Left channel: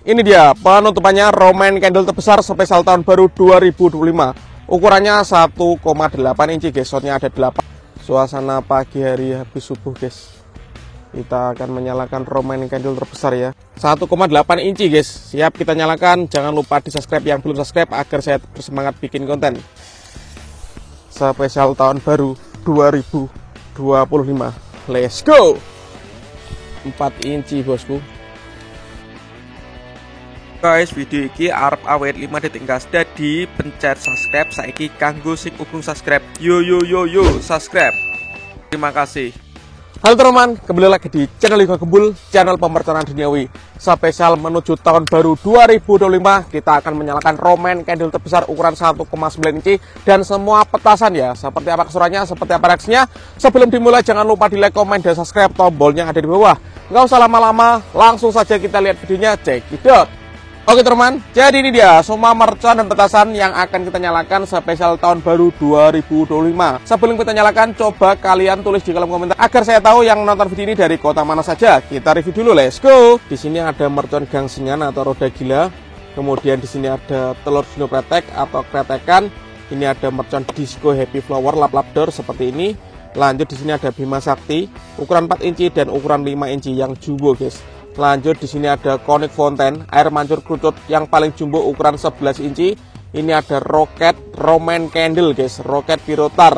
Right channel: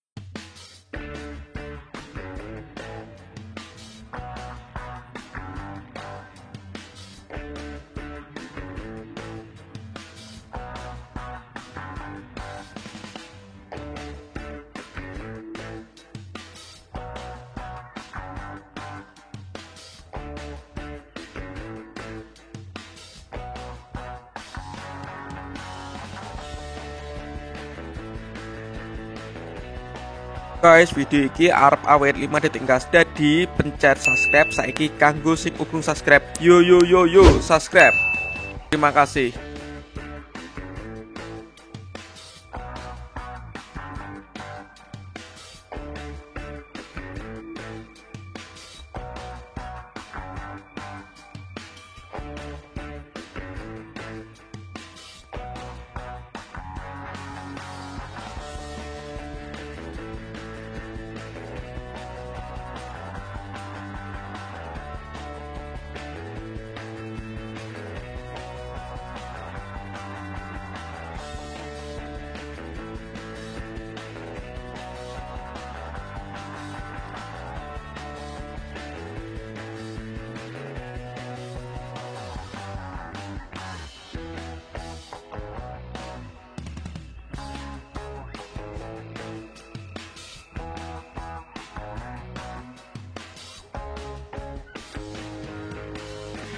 Ini dia penutupannya Roman candle terbesar spesial tahun baru 2025. Ukurannya 1,8 inci guys. Shotnya ada 8. Suasana pagi hari habis subuh guys. Kita akan menyalakan Roman candle terbesar ya. 1,8 inci guys. Siap kita nyalakan. Jangan lupa di subscribe yang belum subscribe agar saya bersemangat bikin konten. Spesial tahun baru 2025. Let's go. 4 inci bosku. Guys, video ini arep awet 5 detik gas. Jadi pencet subscribe saiki kanggo sing urung subscribe. Yo subscribe. Terima kasih. Halo teman-teman, kembali lagi di channel Liga Gembul, channel pemercayaan duniawi. Spesial menuju tahun baru 2025, kita akan menyalakan Roman candle terbesar ukuran 1,9 inci dan semua petasan ya. Seperti apa keseruannya, seperti apa reaksinya. Sebelum dimulai jangan lupa di like, komen, dan subscribe. Tombolnya ada di bawah. Nggak usah lama-lama, langsung saja kita lihat videonya. Check it out. Oke teman, jadi ini dia semua mercon dan petasan yang akan kita nyalakan spesial tahun baru 2025. Sebelum kita nyalakan, coba kalian tulis di kolom komentar agar saya tahu yang nonton video ini dari kota mana saja. Kita review dulu, let's go. Di sini ada mercon gangsingan atau roda gila. Kemudian di sini ada telur dino pretek atau kretekan. Ini ada mercon disco happy flower lap-lap door seperti ini. Lanjut di sini ada Bima Sakti ukuran 4 inci dan ukuran 5 inci yang jumbo guys. Lanjut di sini ada Konik Fountain air mancur kerucut yang paling jumbo ukuran 11 inci. Ini ada Rocket Roman Candle guys, Rocket Pirotar.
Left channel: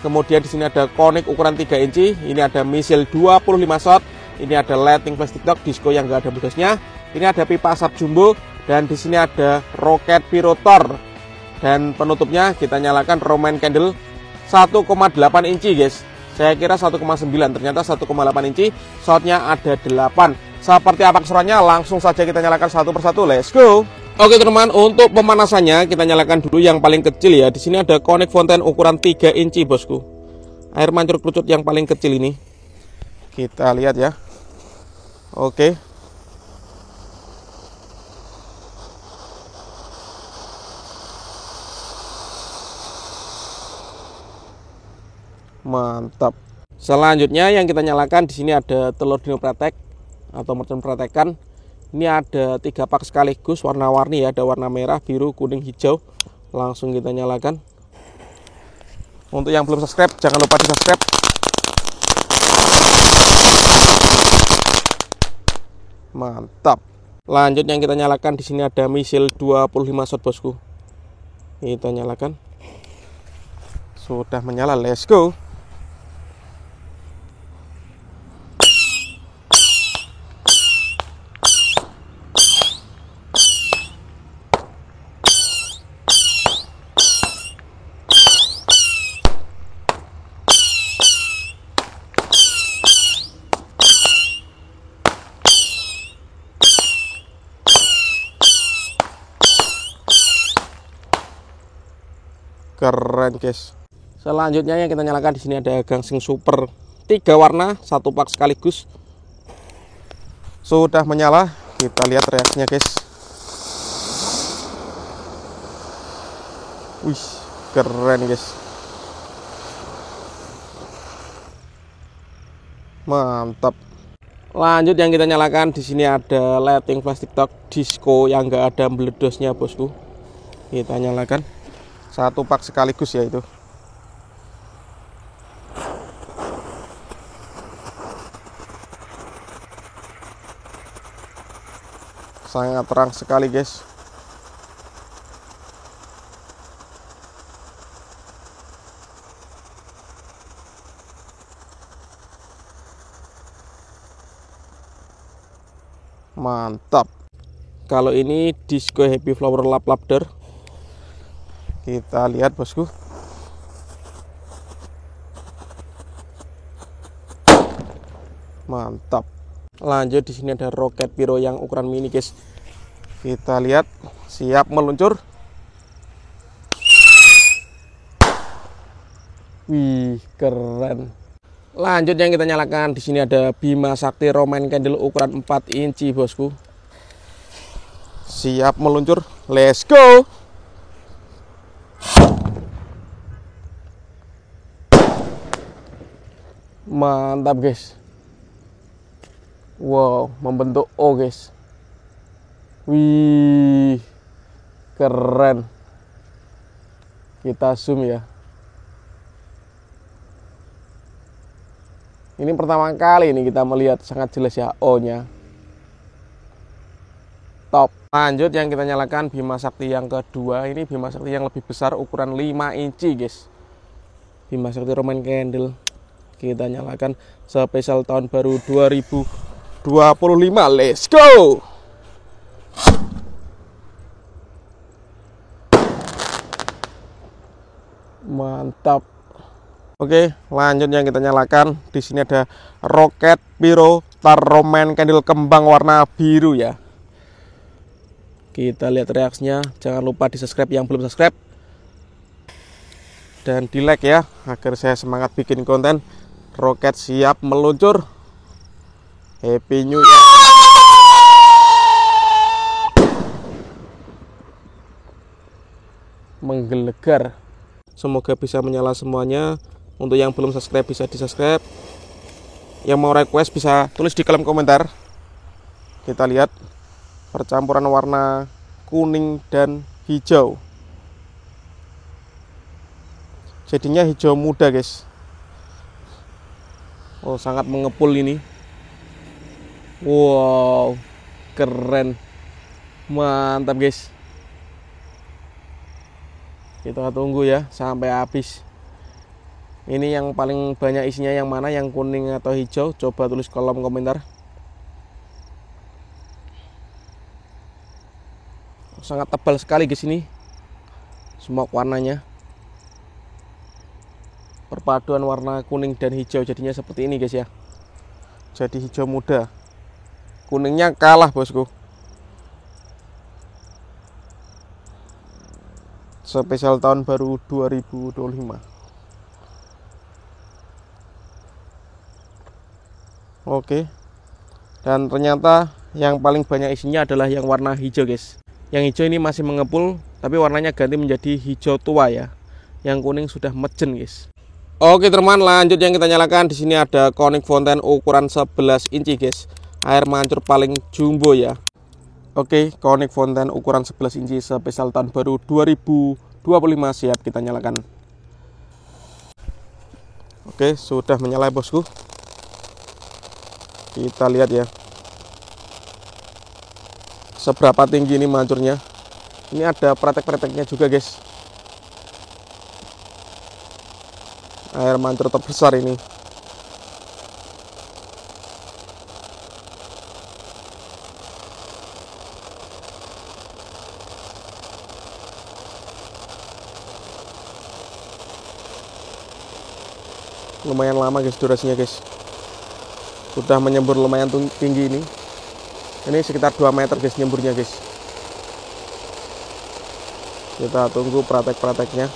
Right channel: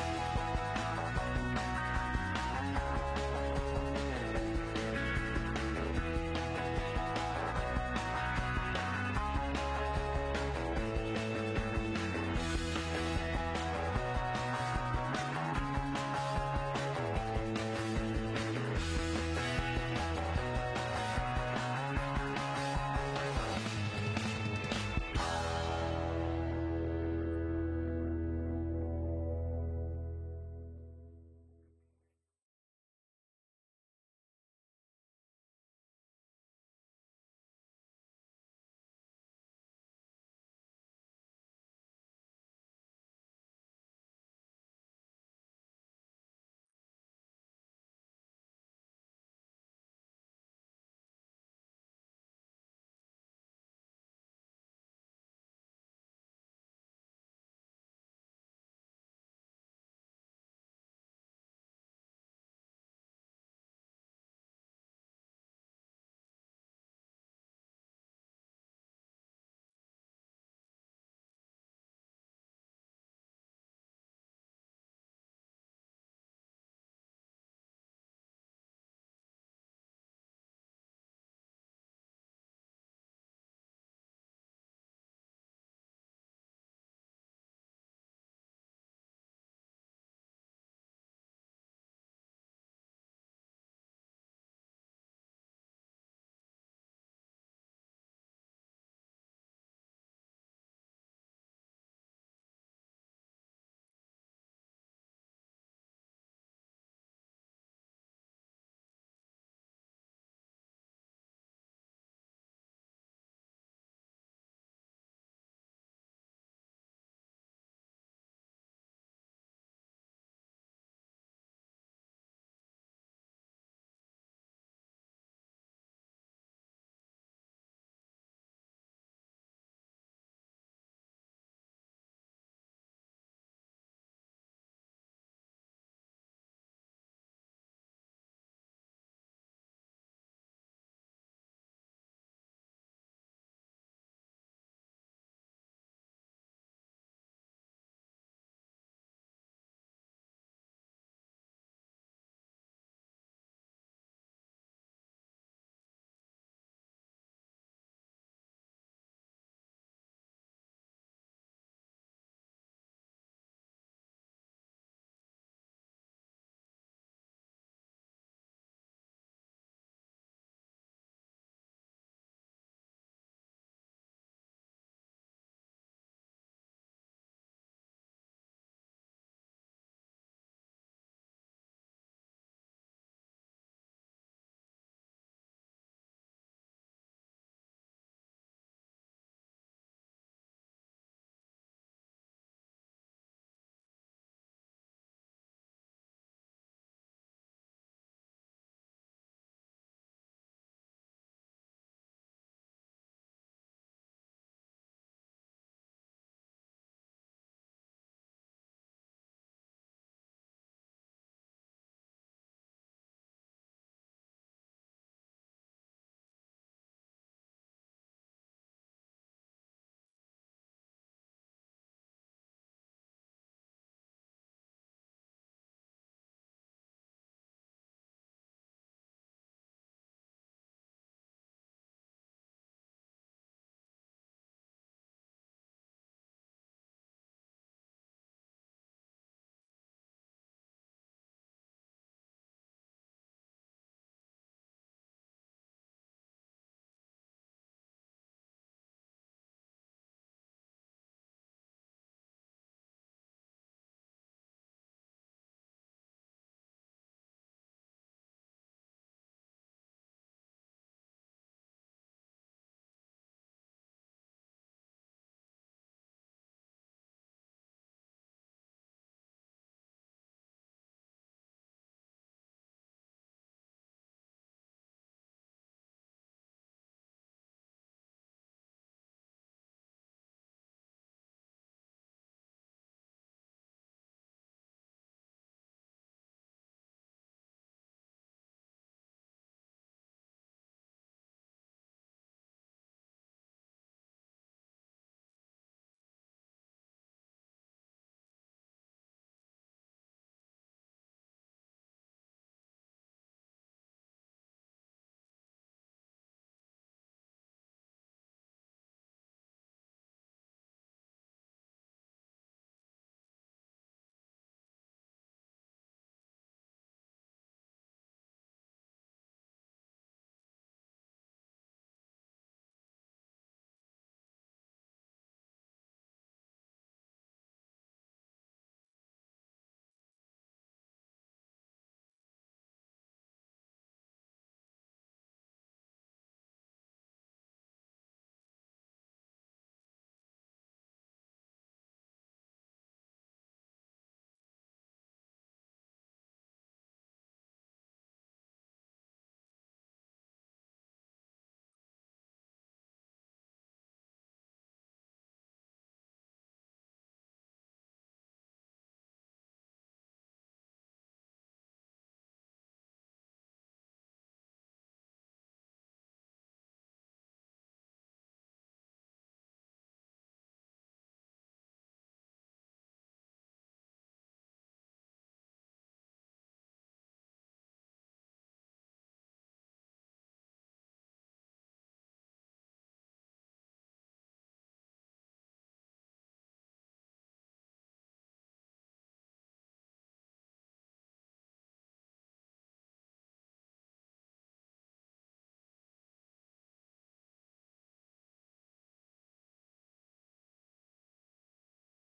Kemudian di sini ada Konik ukuran 3 inci. Ini ada Misil 25 shot. Ini ada Lighting Plastic Dog disco yang enggak ada budasnya. Ini ada pipa asap jumbo dan di sini ada Rocket Pirotar. Dan penutupnya kita nyalakan Roman Candle 1,8 inci guys. Saya kira 1,9, ternyata 1,8 inci. Shotnya ada 8. Seperti apa keseruannya, langsung saja kita nyalakan satu persatu. Let's go. Oke teman, untuk pemanasannya kita nyalakan dulu yang paling kecil ya. Di sini ada Konik Fountain ukuran 3 inci bosku. Air mancur kerucut yang paling kecil ini. Kita lihat ya. Oke. Mantap. Selanjutnya yang kita nyalakan di sini ada telur dino pretek atau mercon pretekan. Ini ada 3 pak sekaligus warna-warni ya, ada warna merah, biru, kuning, hijau. Langsung kita nyalakan. Untuk yang belum subscribe jangan lupa di subscribe. Mantap. Lanjut yang kita nyalakan di sini ada Misil 25 shot bosku. Kita nyalakan. Sudah menyala, let's go. Keren guys. Selanjutnya yang kita nyalakan di sini ada gangsing super 3 warna 1 pak sekaligus. Sudah menyala, kita lihat reaksinya guys. Wih, keren guys. Mantap. Lanjut yang kita nyalakan di sini ada Lighting Plastic Dog disco yang enggak ada meledosnya bosku. Kita nyalakan 1 pak sekaligus ya itu. Sangat terang sekali guys. Mantap. Kalau ini disco happy flower lap-lap door. Kita lihat bosku. Mantap. Lanjut di sini ada Rocket Piro yang ukuran mini guys. Kita lihat, siap meluncur. Wih, keren. Lanjut yang kita nyalakan di sini ada Bima Sakti Roman Candle ukuran 4 inci bosku. Siap meluncur. Let's go. Mantap guys. Wow, membentuk O guys. Wih, keren. Kita zoom ya. Ini pertama kali ini kita melihat sangat jelas ya O-nya. Top. Lanjut yang kita nyalakan Bima Sakti yang kedua. Ini Bima Sakti yang lebih besar, ukuran 5 inci guys. Bima Sakti Roman Candle. Kita nyalakan spesial tahun baru 2025. Let's go. Mantap. Oke, lanjut yang kita nyalakan. Di sini ada Rocket Pyro Star Roman Candle kembang warna biru ya. Kita lihat reaksinya. Jangan lupa di subscribe yang belum subscribe dan di like ya, agar saya semangat bikin konten. Roket siap meluncur. Happy New Year. Menggelegar. Semoga bisa menyala semuanya. Untuk yang belum subscribe bisa di subscribe. Yang mau request bisa tulis di kolom komentar. Kita lihat percampuran warna kuning dan hijau. Jadinya hijau muda guys. Oh, sangat mengepul ini. Wow, keren. Mantap guys. Kita tunggu ya sampai habis. Ini yang paling banyak isinya yang mana, yang kuning atau hijau? Coba tulis kolom komentar. Sangat tebal sekali guys ini. Smoke warnanya. Perpaduan warna kuning dan hijau jadinya seperti ini guys ya. Jadi hijau muda. Kuningnya kalah bosku. Spesial tahun baru 2025. Oke. Dan ternyata yang paling banyak isinya adalah yang warna hijau guys. Yang hijau ini masih mengepul, tapi warnanya ganti menjadi hijau tua ya. Yang kuning sudah mejen guys. Oke teman, lanjut yang kita nyalakan. Di sini ada Conic Fountain ukuran 11 inci guys. Air mancur paling jumbo ya. Oke, Conic Fountain ukuran 11 inci spesial tahun baru 2025 siap kita nyalakan. Oke, sudah menyala bosku. Kita lihat ya. Seberapa tinggi ini mancurnya. Ini ada pretek-preteknya juga guys. Air mancur terbesar ini. Lumayan lama guys durasinya guys. Sudah menyembur lumayan tinggi ini. Ini sekitar 2 meter guys nyemburnya guys. Kita tunggu praktek-prakteknya.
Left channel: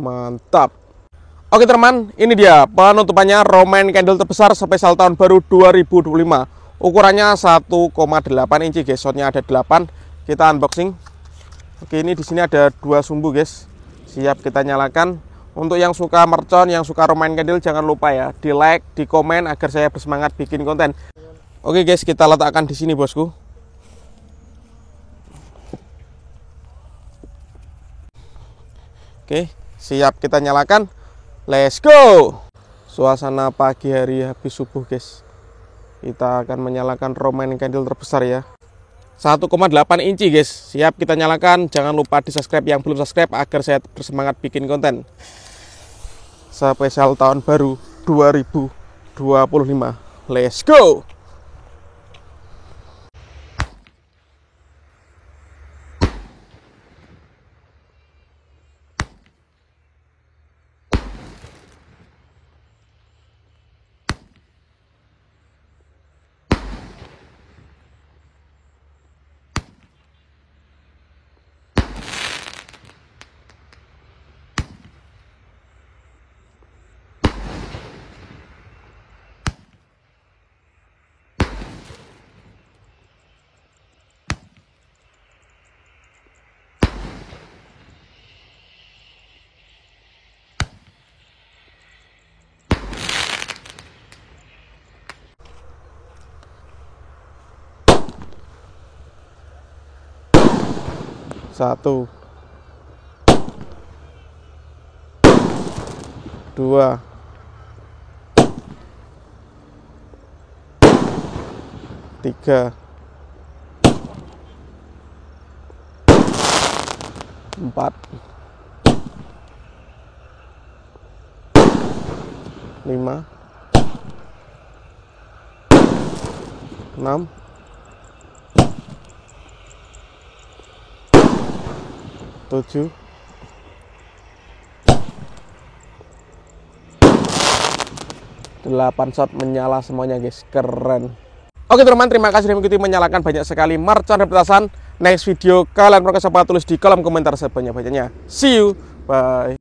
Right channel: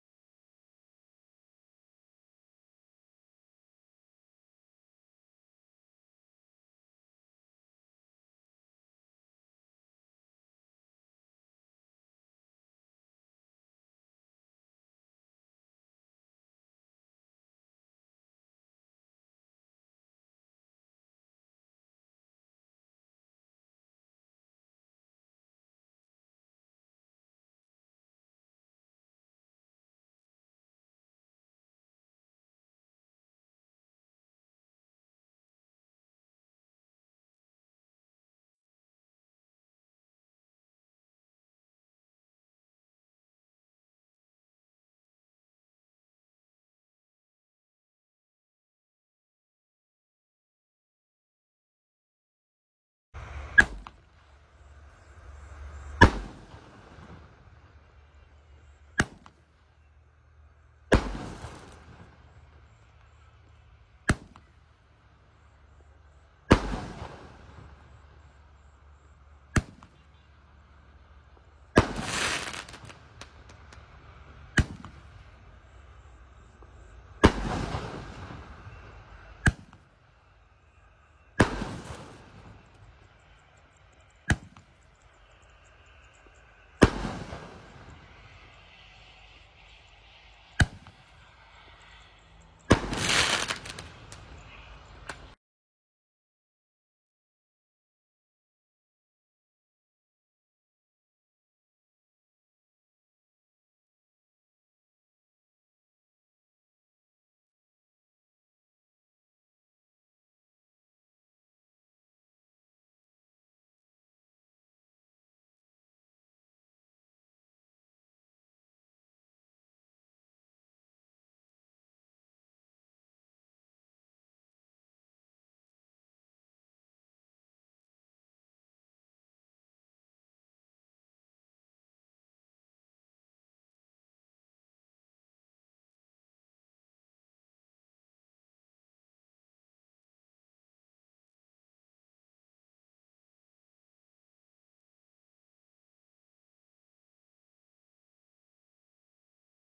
Mantap. Oke teman, ini dia penutupannya Roman Candle terbesar spesial tahun baru 2025. Ukurannya 1,8 inci guys. Shotnya ada 8. Kita unboxing. Oke, ini di sini ada 2 sumbu guys. Siap kita nyalakan. Untuk yang suka mercon, yang suka Roman Candle, jangan lupa ya di like, di komen agar saya bersemangat bikin konten. Oke guys, kita letakkan di sini bosku. Oke, siap kita nyalakan. Let's go. Suasana pagi hari habis subuh guys. Kita akan menyalakan Roman Candle terbesar ya. 1,8 inci guys. Siap kita nyalakan. Jangan lupa di subscribe yang belum subscribe agar saya bersemangat bikin konten. Spesial tahun baru 2025. Let's go. 1, 2, 3, 4, 5, 6, 7, 8 shot menyala semuanya guys, keren. Oke teman-teman, terima kasih sudah mengikuti, menyalakan banyak sekali mercon dan petasan. Next video kalian perlu siapa tulis di kolom komentar sebanyak-banyaknya. See you, bye.